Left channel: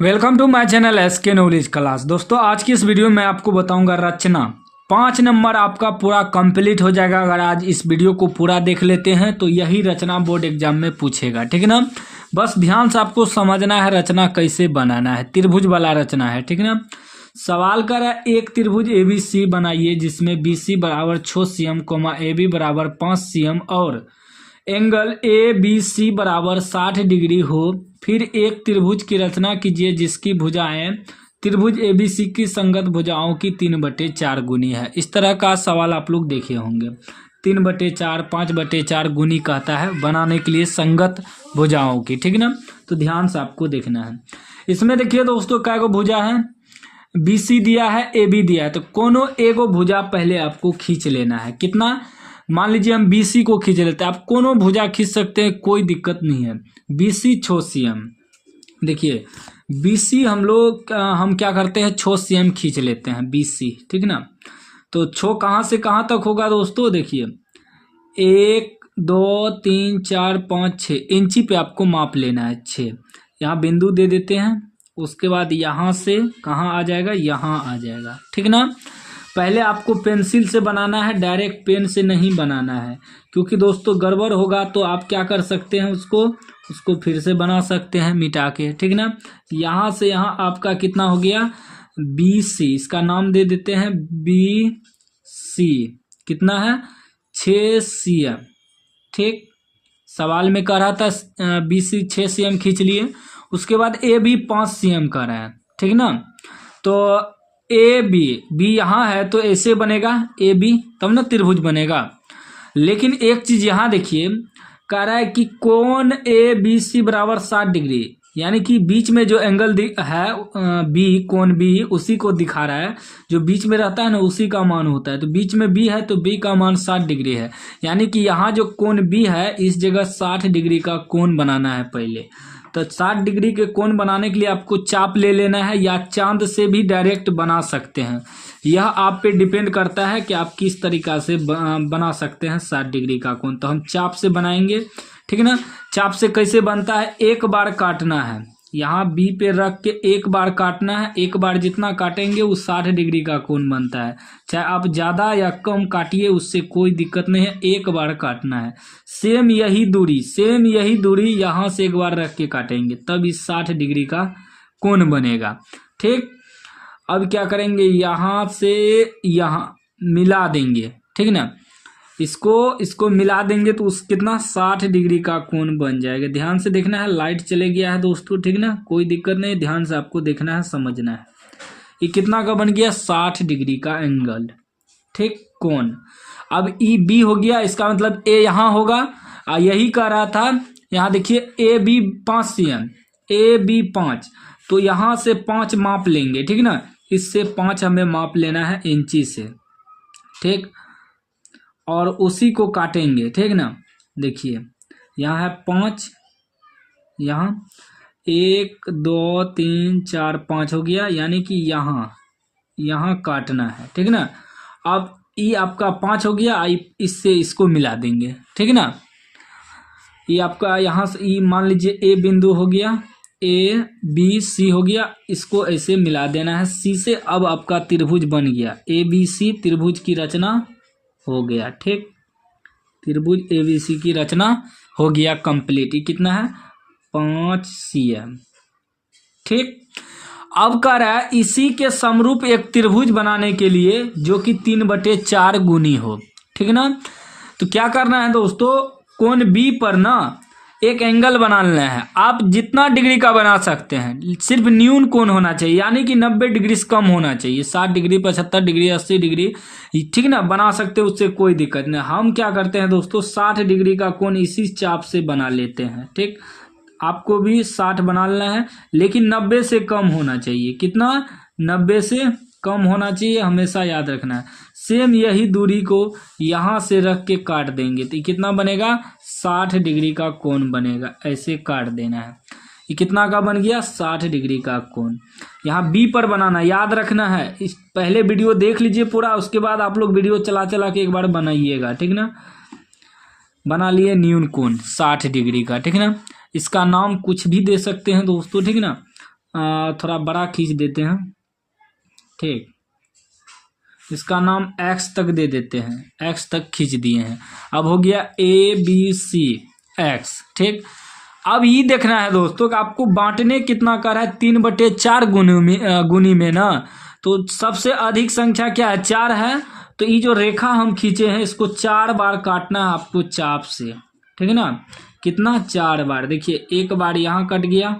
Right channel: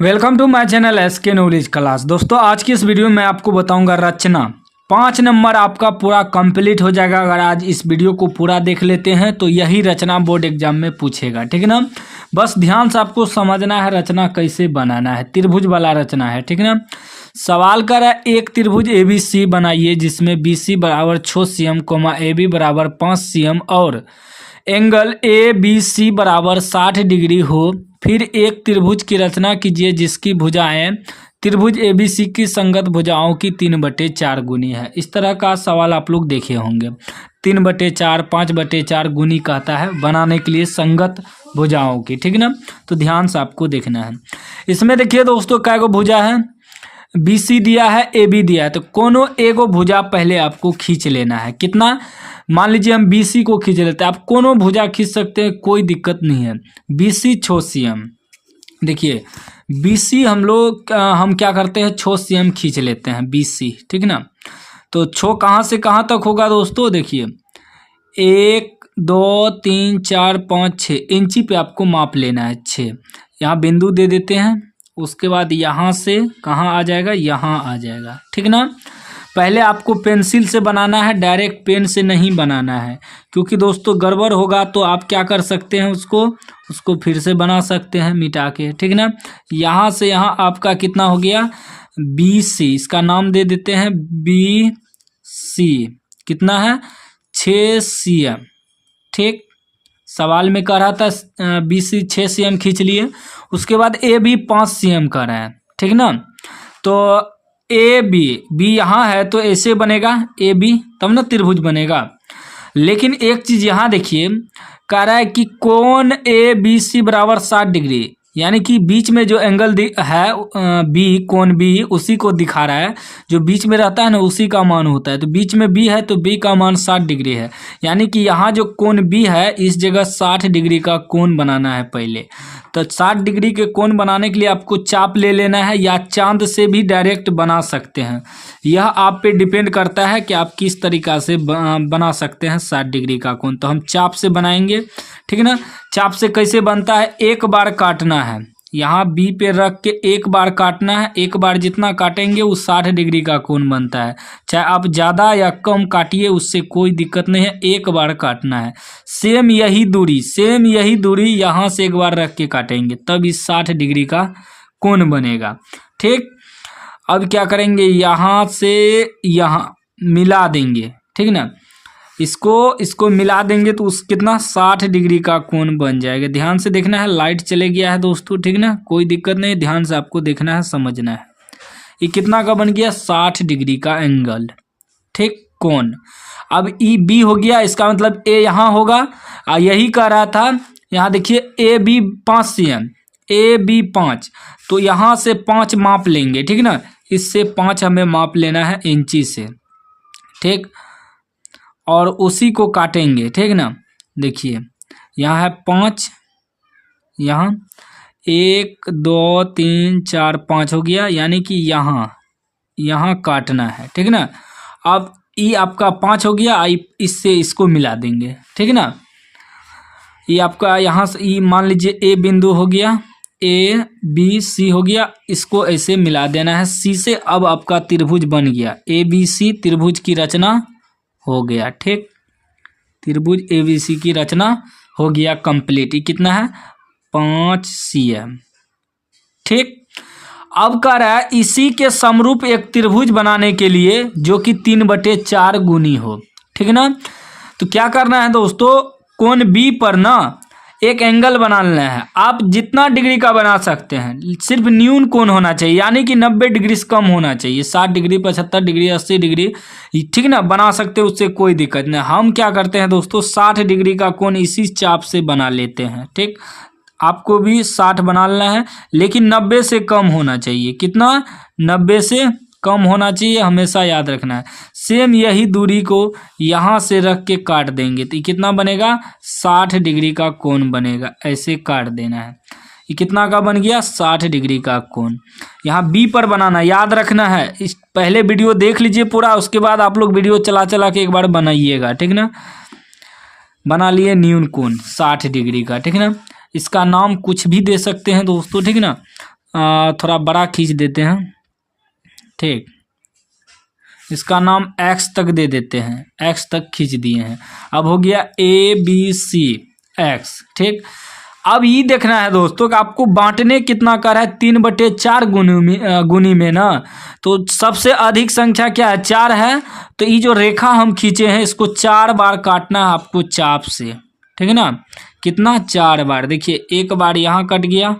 Welcome to my channel SK knowledge class. दोस्तों आज की इस वीडियो में आपको बताऊंगा रचना 5 नंबर आपका पूरा कंप्लीट हो जाएगा। अगर आज इस वीडियो को पूरा देख लेते हैं तो यही रचना बोर्ड एग्जाम में पूछेगा, ठीक है ना। बस ध्यान से आपको समझना है रचना कैसे बनाना है। त्रिभुज वाला रचना है, ठीक है ना। सवाल कर रहा है एक त्रिभुज ABC बनाइए जिसमें BC बराबर 6 cm, AB बराबर 5 cm और एंगल ABC बराबर 60 डिग्री हो। फिर एक त्रिभुज की रचना कीजिए जिसकी भुजाएं त्रिभुज ABC की संगत भुजाओं की 3/4 गुनी है। इस तरह का सवाल आप लोग देखे होंगे। 3/4, 5/4 गुनी कहता है बनाने के लिए संगत भुजाओं की, ठीक ना। तो ध्यान से आपको देखना है। इसमें देखिए दोस्तों क्या को भुजा है, BC दिया है, AB दिया है, तो कोनो एगो भुजा पहले आपको खींच लेना है। कितना, मान लीजिए हम BC को खींच लेते हैं, आप कोनो भुजा खींच सकते हैं, कोई दिक्कत नहीं है। BC 6 cm, देखिए BC हम क्या करते हैं 6 cm खींच लेते हैं BC, ठीक ना। तो 6 कहाँ से कहाँ तक होगा दोस्तों, देखिए 1 2 3 4 5 6 इंची पे आपको माप लेना है। 6 यहाँ बिंदु दे देते हैं, उसके बाद यहाँ से कहाँ आ जाएगा, यहाँ आ जाएगा, ठीक ना। पहले आपको पेंसिल से बनाना है, डायरेक्ट पेन से नहीं बनाना है, क्योंकि दोस्तों गड़बड़ होगा तो आप क्या कर सकते हैं, उसको फिर से बना सकते हैं मिटा के, ठीक ना। यहाँ से यहाँ आपका कितना हो गया BC, इसका नाम दे देते हैं BC, कितना है 6 cm, ठीक। सवाल में कह रहा था BC 6 cm खींच लिए। उसके बाद AB 5 cm का रहा है, ठीक ना। तो B यहाँ है तो ऐसे बनेगा AB, तब ना त्रिभुज बनेगा। लेकिन एक चीज यहाँ देखिए, कह रहा है कि कोण ABC बराबर 60 डिग्री, यानी कि बीच में जो एंगल है B, कोण B उसी को दिखा रहा है। जो बीच में रहता है ना उसी का मान होता है। तो बीच में B है तो B का मान 60 डिग्री है, यानी कि यहाँ जो कोण B है इस जगह 60 डिग्री का कोण बनाना है पहले। तो 60 डिग्री के कोण बनाने के लिए आपको चाप ले लेना है, या चांद से भी डायरेक्ट बना सकते हैं। यह आप पे डिपेंड करता है कि आप किस तरीक़ा से बना सकते हैं 60 डिग्री का कोण। तो हम चाप से बनाएंगे, ठीक है ना। चाप से कैसे बनता है, एक बार काटना है, यहाँ B पे रख के एक बार काटना है। एक बार जितना काटेंगे वो 60 डिग्री का कोण बनता है। चाहे आप ज़्यादा या कम काटिए, उससे कोई दिक्कत नहीं है, एक बार काटना है। सेम यही दूरी यहाँ से एक बार रख के काटेंगे, तब इस 60 डिग्री का कोण बनेगा, ठीक। अब क्या करेंगे, यहाँ से यहाँ मिला देंगे, ठीक ना। इसको मिला देंगे तो उस कितना 60 डिग्री का कोण बन जाएगा। ध्यान से देखना है, लाइट चले गया है दोस्तों, ठीक ना, कोई दिक्कत नहीं, ध्यान से आपको देखना है, समझना है। ये कितना का बन गया 60 डिग्री का एंगल, ठीक, कोण। अब EB हो गया, इसका मतलब A यहाँ होगा। यही कह रहा था, यहाँ देखिए AB 5 cm, AB 5, तो यहाँ से 5 माप लेंगे, ठीक ना। इससे 5 हमें माप लेना है इंची से, ठीक, और उसी को काटेंगे, ठीक ना। देखिए यहाँ है 5, यहाँ 1 2 3 4 5 हो गया, यानी कि यहाँ काटना है, ठीक ना। अब ये आपका 5 हो गया, इससे इसको मिला देंगे, ठीक ना। ये आपका यहाँ से ये मान लीजिए A बिंदु हो गया, ABC हो गया, इसको ऐसे मिला देना है C से। अब आपका त्रिभुज बन गया ABC, त्रिभुज की रचना हो गया, ठीक। त्रिभुज ABC की रचना हो गया कंप्लीट। ये कितना है 5 cm, ठीक। अब कह रहा है इसी के समरूप एक त्रिभुज बनाने के लिए जो कि 3/4 गुनी हो, ठीक ना। तो क्या करना है दोस्तों, कोण B पर ना एक एंगल बनाना है। आप जितना डिग्री का बना सकते हैं, सिर्फ न्यून कोण होना चाहिए, यानी कि 90 डिग्री से कम होना चाहिए। 60 डिग्री 75 डिग्री 80 डिग्री, ठीक ना, बना सकते हैं, उससे कोई दिक्कत नहीं। हम क्या करते हैं दोस्तों 60 डिग्री का कोण इसी चाप से बना लेते हैं, ठीक। आपको भी 60 बना लेना है, लेकिन 90 से कम होना चाहिए। कितना, 90 से कम होना चाहिए, हमेशा याद रखना है। सेम यही दूरी को यहाँ से रख के काट देंगे तो ये कितना बनेगा 60 डिग्री का कोण बनेगा। ऐसे काट देना है, ये कितना का बन गया 60 डिग्री का कोण। यहाँ B पर बनाना, याद रखना है। इस पहले वीडियो देख लीजिए पूरा, उसके बाद आप लोग वीडियो चला चला के एक बार बनाइएगा, ठीक ना। बना लिए न्यून कोण 60 डिग्री का, ठीक ना। इसका नाम कुछ भी दे सकते हैं दोस्तों, ठीक ना। थोड़ा बड़ा खींच देते हैं, ठीक। इसका नाम एक्स तक दे देते हैं, एक्स तक खींच दिए हैं। अब हो गया ABC एक्स, ठीक। अब ये देखना है दोस्तों कि आपको बांटने कितना कर है, 3/4 गुनी में ना, तो सबसे अधिक संख्या क्या है, 4 है। तो ये जो रेखा हम खींचे हैं इसको 4 बार काटना है आपको चाप से, ठीक है ना। कितना, 4 बार। देखिए एक बार यहाँ कट गया,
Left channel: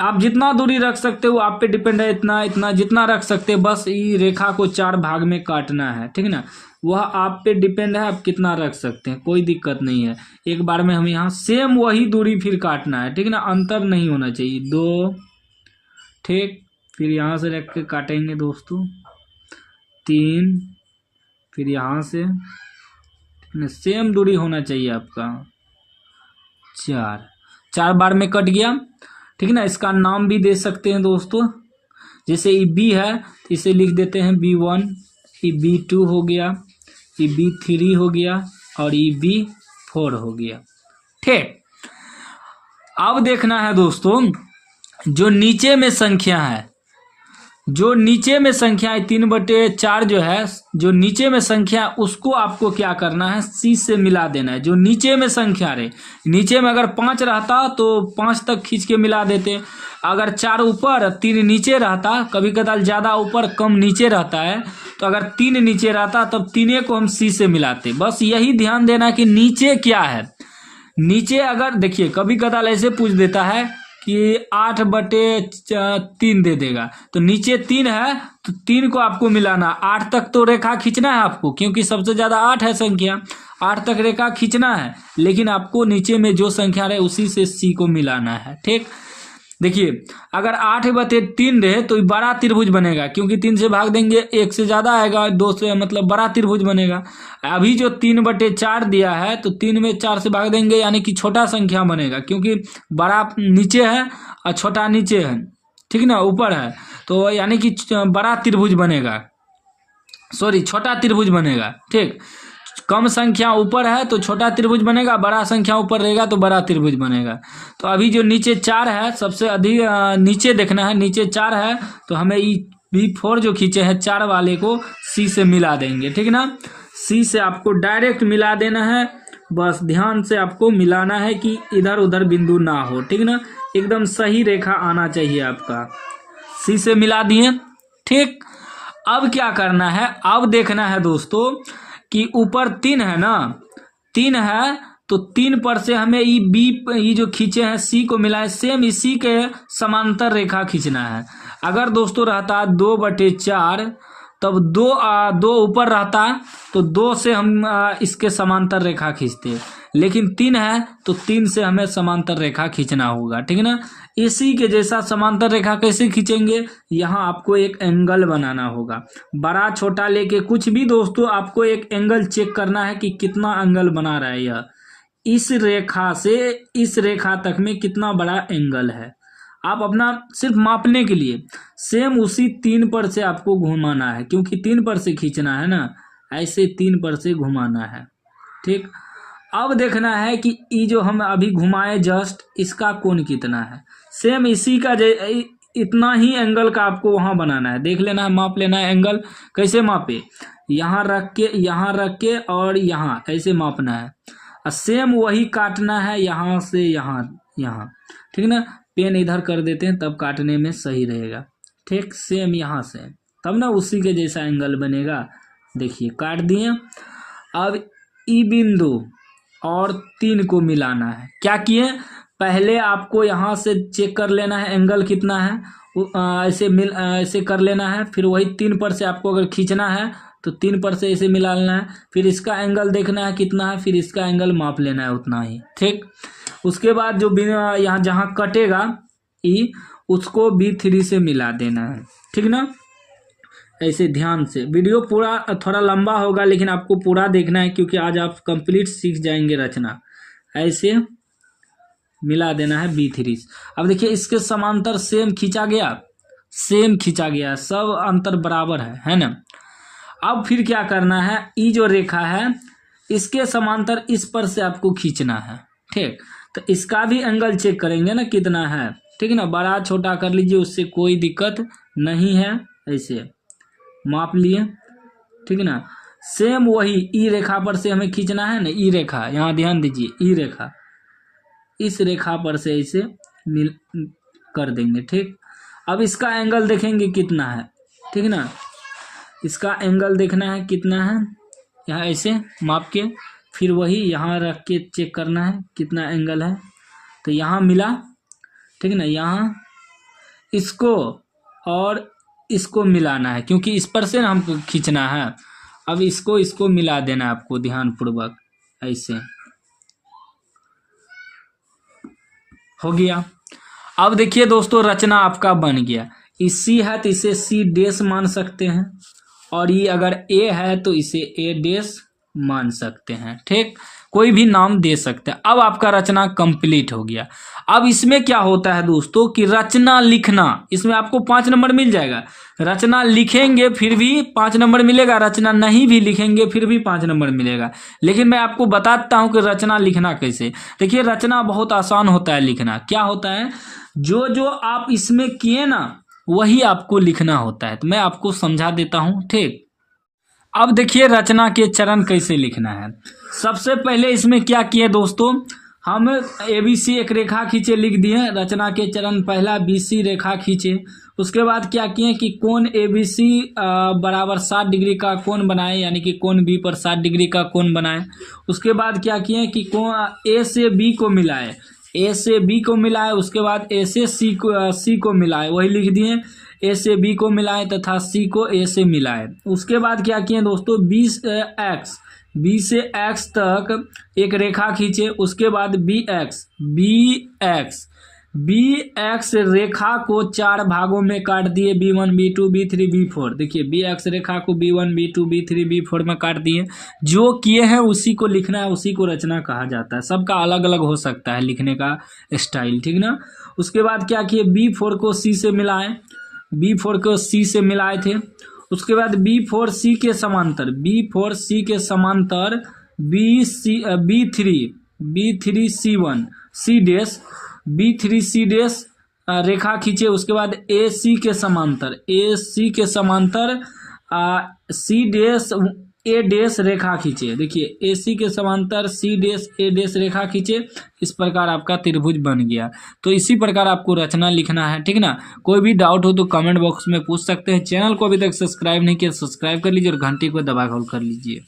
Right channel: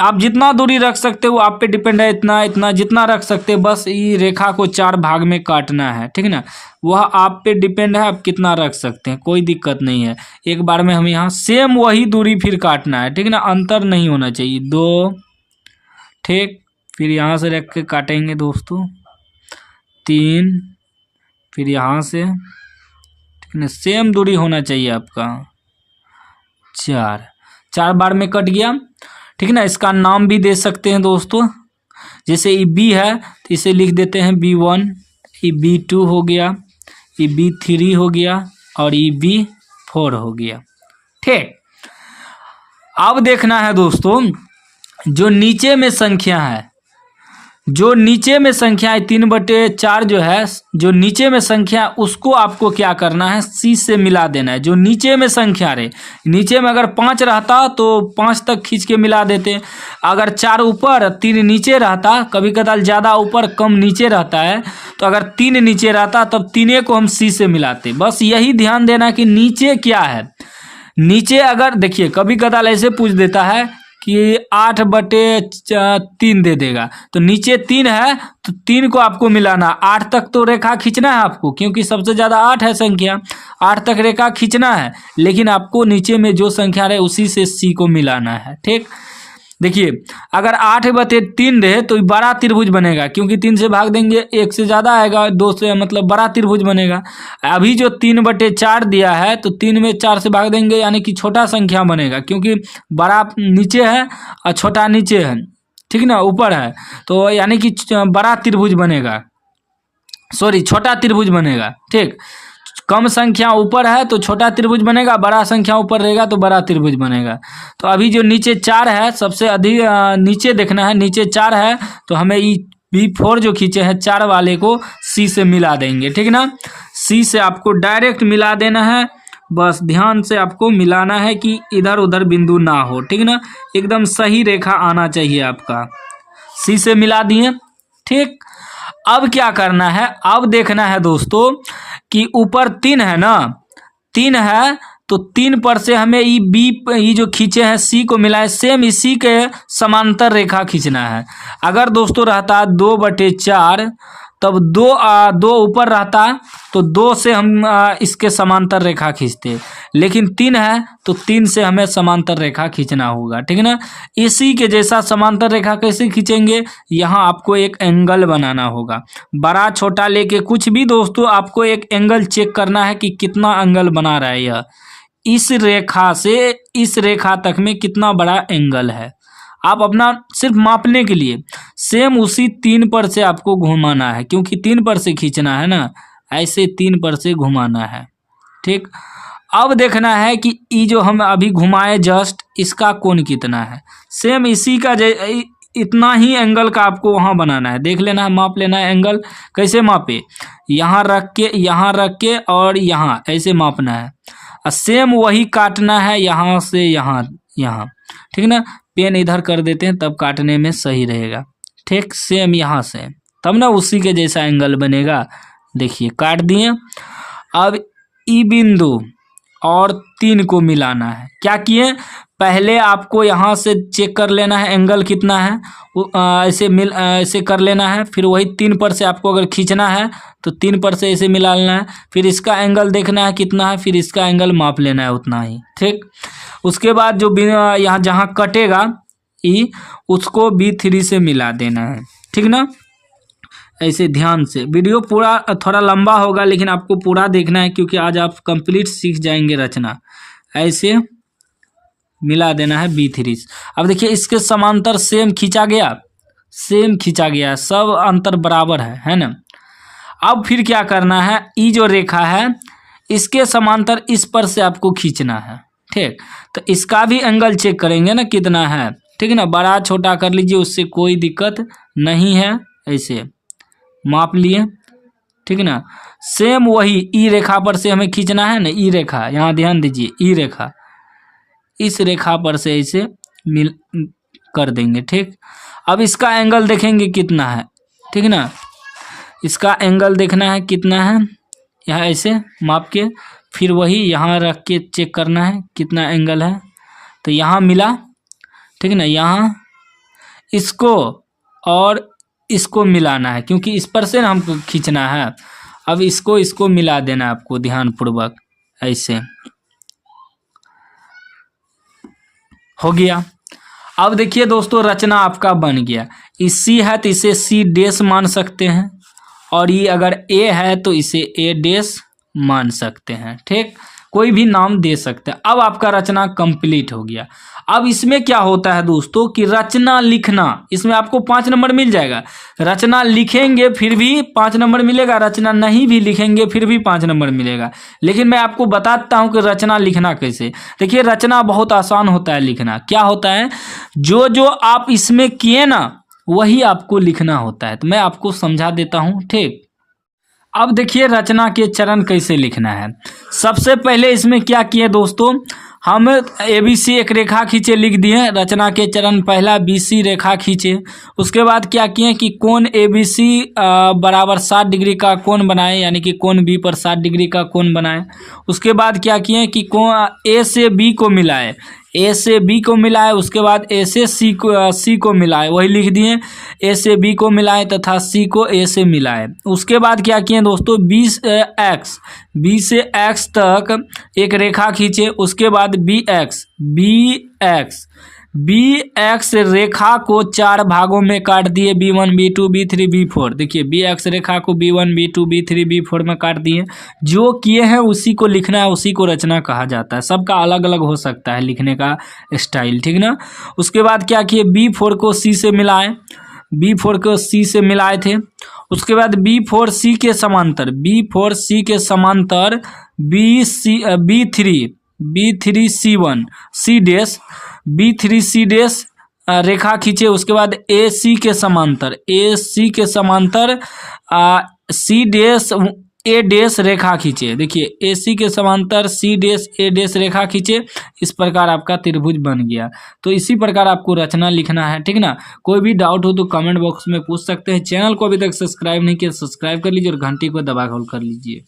आप जितना दूरी रख सकते हो आप पे डिपेंड है, इतना इतना जितना रख सकते हो, बस ये रेखा को 4 भाग में काटना है, ठीक है ना। वह आप पे डिपेंड है, आप कितना रख सकते हैं, कोई दिक्कत नहीं है। एक बार में हम यहाँ सेम वही दूरी फिर काटना है, ठीक है ना, अंतर नहीं होना चाहिए। 2, ठीक। फिर यहाँ से रख के काटेंगे दोस्तों 3, फिर यहाँ से, ठीक है, सेम दूरी होना चाहिए आपका 4 बार में कट गया, ठीक है ना। इसका नाम भी दे सकते हैं दोस्तों, जैसे ये B है तो इसे लिख देते हैं B1, ये B2 हो गया, ये B3 हो गया और ये B4 हो गया, ठीक। अब देखना है दोस्तों जो नीचे में संख्या है, जो नीचे में संख्या है 3/4 जो है, जो नीचे में संख्या उसको आपको क्या करना है, C से मिला देना है। जो नीचे में संख्या रहे, नीचे में अगर 5 रहता तो 5 तक खींच के मिला देते, अगर 4 ऊपर 3 नीचे रहता, कभी कदाल ज़्यादा ऊपर कम नीचे रहता है, तो अगर 3 नीचे रहता तब 3 को हम C से मिलाते। बस यही ध्यान देना कि नीचे क्या है। नीचे अगर देखिए कभी कदाल ऐसे पूछ देता है कि 8/3 दे देगा, तो नीचे 3 है तो 3 को आपको मिलाना, 8 तक तो रेखा खींचना है आपको, क्योंकि सबसे ज़्यादा 8 है संख्या, 8 तक रेखा खींचना है, लेकिन आपको नीचे में जो संख्या रहे उसी से C को मिलाना है, ठीक। देखिए अगर 8/3 रहे तो बड़ा त्रिभुज बनेगा, क्योंकि 3 से भाग देंगे 1 से ज़्यादा आएगा, 2 से मतलब बड़ा त्रिभुज बनेगा। अभी जो 3/4 दिया है तो 3 में 4 से भाग देंगे, यानी कि छोटा संख्या बनेगा, क्योंकि बड़ा नीचे है और छोटा नीचे है, ठीक ना, ऊपर है, तो यानी कि बड़ा त्रिभुज बनेगा, सॉरी छोटा त्रिभुज बनेगा, ठीक। कम संख्या ऊपर है तो छोटा त्रिभुज बनेगा, बड़ा संख्या ऊपर रहेगा तो बड़ा त्रिभुज बनेगा। तो अभी जो नीचे 4 है, सबसे अधिक नीचे देखना है, नीचे 4 है तो हमें ये B4 जो खींचे हैं 4 वाले को C से मिला देंगे, ठीक ना। C से आपको डायरेक्ट मिला देना है, बस ध्यान से आपको मिलाना है कि इधर उधर बिंदु ना हो, ठीक ना, एकदम सही रेखा आना चाहिए आपका। C से मिला दिए, ठीक। अब क्या करना है, अब देखना है दोस्तों कि ऊपर 3 है ना, 3 है तो 3 पर से हमें ये जो खींचे हैं C को मिलाए, सेम इसी के समांतर रेखा खींचना है। अगर दोस्तों रहता 2/4 तब 2 ऊपर रहता तो 2 से हम इसके समांतर रेखा खींचते, लेकिन 3 है तो 3 से हमें समांतर रेखा खींचना होगा, ठीक है ना। इसी के जैसा समांतर रेखा कैसे खींचेंगे, यहाँ आपको एक एंगल बनाना होगा, बड़ा छोटा लेके कुछ भी दोस्तों, आपको एक एंगल चेक करना है कि कितना एंगल बना रहा है यह, इस रेखा से इस रेखा तक में कितना बड़ा एंगल है। आप अपना सिर्फ मापने के लिए सेम उसी 3 पर से आपको घुमाना है, क्योंकि 3 पर से खींचना है ना, ऐसे 3 पर से घुमाना है, ठीक। अब देखना है कि ये जो हम अभी घुमाए जस्ट, इसका कोण कितना है, सेम इसी का इतना ही एंगल का आपको वहाँ बनाना है, देख लेना है, माप लेना है। एंगल कैसे मापे, यहाँ रख के और यहाँ ऐसे मापना है, और सेम वही काटना है यहाँ से यहाँ, ठीक ना। पेन इधर कर देते हैं तब काटने में सही रहेगा, ठीक। सेम यहाँ से, तब ना उसी के जैसा एंगल बनेगा। देखिए काट दिए। अब ई बिंदु और 3 को मिलाना है। क्या किए, पहले आपको यहाँ से चेक कर लेना है एंगल कितना है, ऐसे कर लेना है, फिर वही 3 पर से आपको अगर खींचना है तो 3 पर से ऐसे मिला लेना है, फिर इसका एंगल देखना है कितना है, फिर इसका एंगल माप लेना है उतना ही, ठीक। उसके बाद जो यहाँ जहाँ कटेगा ई, उसको B3 से मिला देना है, ठीक ना। ऐसे ध्यान से, वीडियो पूरा थोड़ा लंबा होगा लेकिन आपको पूरा देखना है, क्योंकि आज आप कंप्लीट सीख जाएंगे रचना। ऐसे मिला देना है B3। अब देखिए इसके समांतर सेम खींचा गया, सब अंतर बराबर है ना। अब फिर क्या करना है, ई जो रेखा है इसके समांतर इस पर से आपको खींचना है, ठीक। तो इसका भी एंगल चेक करेंगे ना कितना है, ठीक है ना, बड़ा छोटा कर लीजिए, उससे कोई दिक्कत नहीं है। ऐसे माप लिए, ठीक है ना। सेम वही ई रेखा पर से हमें खींचना है ना, ई रेखा, यहाँ ध्यान दीजिए, ई रेखा, इस रेखा पर से ऐसे मिल कर देंगे। ठीक, अब इसका एंगल देखेंगे कितना है, ठीक है ना, इसका एंगल देखना है कितना है, यहाँ ऐसे माप के, फिर वही यहाँ रख के चेक करना है कितना एंगल है। तो यहाँ मिला, ठीक है ना, यहाँ इसको और इसको मिलाना है, क्योंकि इस पर से ना हमको खींचना है। अब इसको मिला देना आपको ध्यानपूर्वक, ऐसे हो गया। अब देखिए दोस्तों, रचना आपका बन गया। इसी है तो इसे सी डैश मान सकते हैं, और ये अगर ए है तो इसे ए डैश मान सकते हैं। ठीक, कोई भी नाम दे सकते हैं। अब आपका रचना कंप्लीट हो गया। अब इसमें क्या होता है दोस्तों कि रचना लिखना, इसमें आपको 5 नंबर मिल जाएगा। रचना लिखेंगे फिर भी 5 नंबर मिलेगा, रचना नहीं भी लिखेंगे फिर भी 5 नंबर मिलेगा। लेकिन मैं आपको बताता हूं कि रचना लिखना कैसे। देखिए, रचना बहुत आसान होता है लिखना। क्या होता है, जो जो आप इसमें किए ना वही आपको लिखना होता है। तो मैं आपको समझा देता हूं। ठीक, अब देखिए रचना के चरण कैसे लिखना है। सबसे पहले इसमें क्या किए दोस्तों, हम ABC एक रेखा खींचे, लिख दिए रचना के चरण पहला BC रेखा खींचे। उसके बाद क्या किए कि कोण ABC बराबर 60 डिग्री का कोण बनाए, यानी कि कोण B पर 60 डिग्री का कोण बनाए। उसके बाद क्या किए कि कोण A से B को मिलाए, A से B को मिलाए, उसके बाद A से C को मिलाए, वही लिख दिए, A से B को मिलाए तथा C को A से मिलाए। उसके बाद क्या किए दोस्तों, B से X तक एक रेखा खींचे। उसके बाद BX रेखा को 4 भागों में काट दिए, B1 B2 B3 B4। देखिए BX रेखा को B1 B2 B3 B4 में काट दिए। जो किए हैं उसी को लिखना है, उसी को रचना कहा जाता है। सबका अलग अलग हो सकता है लिखने का स्टाइल, ठीक ना। उसके बाद क्या किए, B4 को C से मिलाए, B4 को C से मिलाए थे। उसके बाद B4C के समांतर B3C1 C dash B3C dash रेखा खींचे। उसके बाद AC के समांतर C डैश A डैश रेखा खींचे। देखिए AC के समांतर C डैश A डैश रेखा खींचे। इस प्रकार आपका त्रिभुज बन गया। तो इसी प्रकार आपको रचना लिखना है, ठीक ना। कोई भी डाउट हो तो कमेंट बॉक्स में पूछ सकते हैं। चैनल को अभी तक सब्सक्राइब नहीं किया, सब्सक्राइब कर लीजिए और घंटी को दबा कर लीजिए।